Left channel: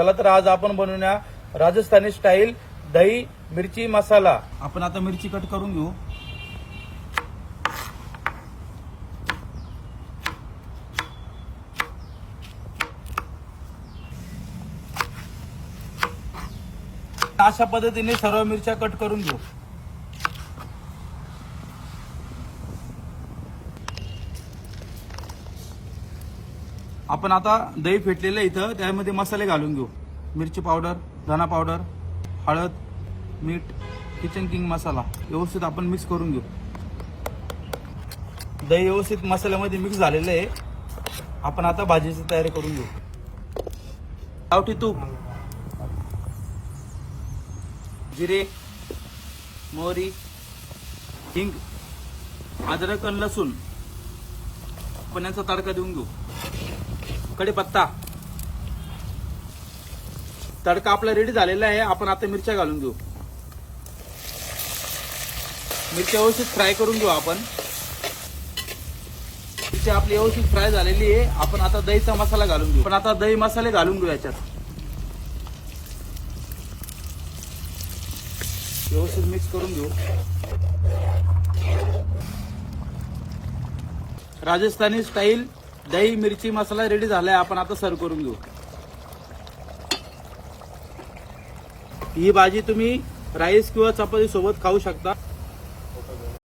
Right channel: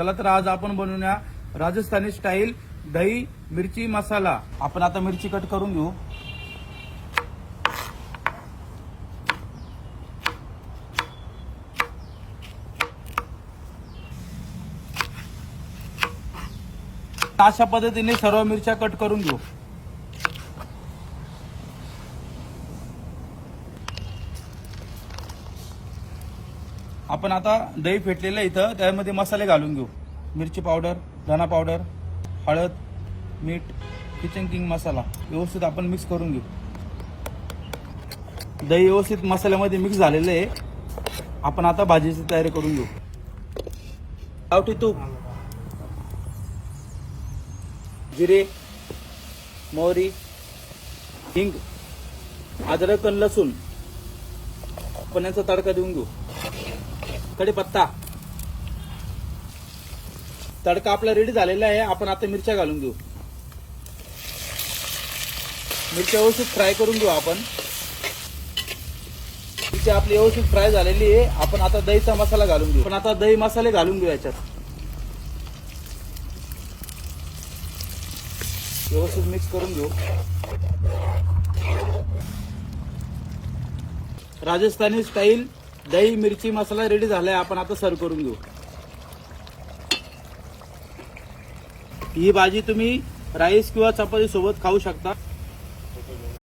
चला तर आज आपण बनवूया राजस्थानी स्टाईल दही मिरची मसाला। आपण आता मिरची कट करून घेऊ। अशा पद्धतीने सर्व मिरच्या कट करून घेऊ। आपण आता दही फेटलेलं इथं त्यामध्ये मसाले घालून घेऊ। मिरची पावडर, धना पावडर, हळद, मीठ, किचन किंग मसाला व्यवस्थित आपण मिक्स करून घेऊ। दही व्यवस्थित मसाल्यामध्ये मिक्स झालेलं आहे। आपण आता भाजीची तयारी करून घेऊ। गावठी तूप, जिरे, मोहरी, हिंग, अद्रक आणि लसूण आपण यांचा तडका देऊन घेऊ। कढीपत्ता, तडका आपला रेडी झालेला आहे। आपण आता मिरच्या घालून घेऊ। मिरच्या व्यवस्थित फ्राय करून घेऊ। आपण मिरची आपली व्यवस्थित फ्राय झालेली आहे। आपण आता दहीचा मसाला घालून घेऊ। पण आता दही मसाले घालून घेऊ याच्यात। व्यवस्थित मिक्स करून घेऊ। राजस्थानी स्टाईल दही मिरची मसाला रेडी झालाय। आपण आता सर्व करून घेऊ। ही भाजी तुम्ही राईस किंवा चपाती सोबत खाऊ शकता।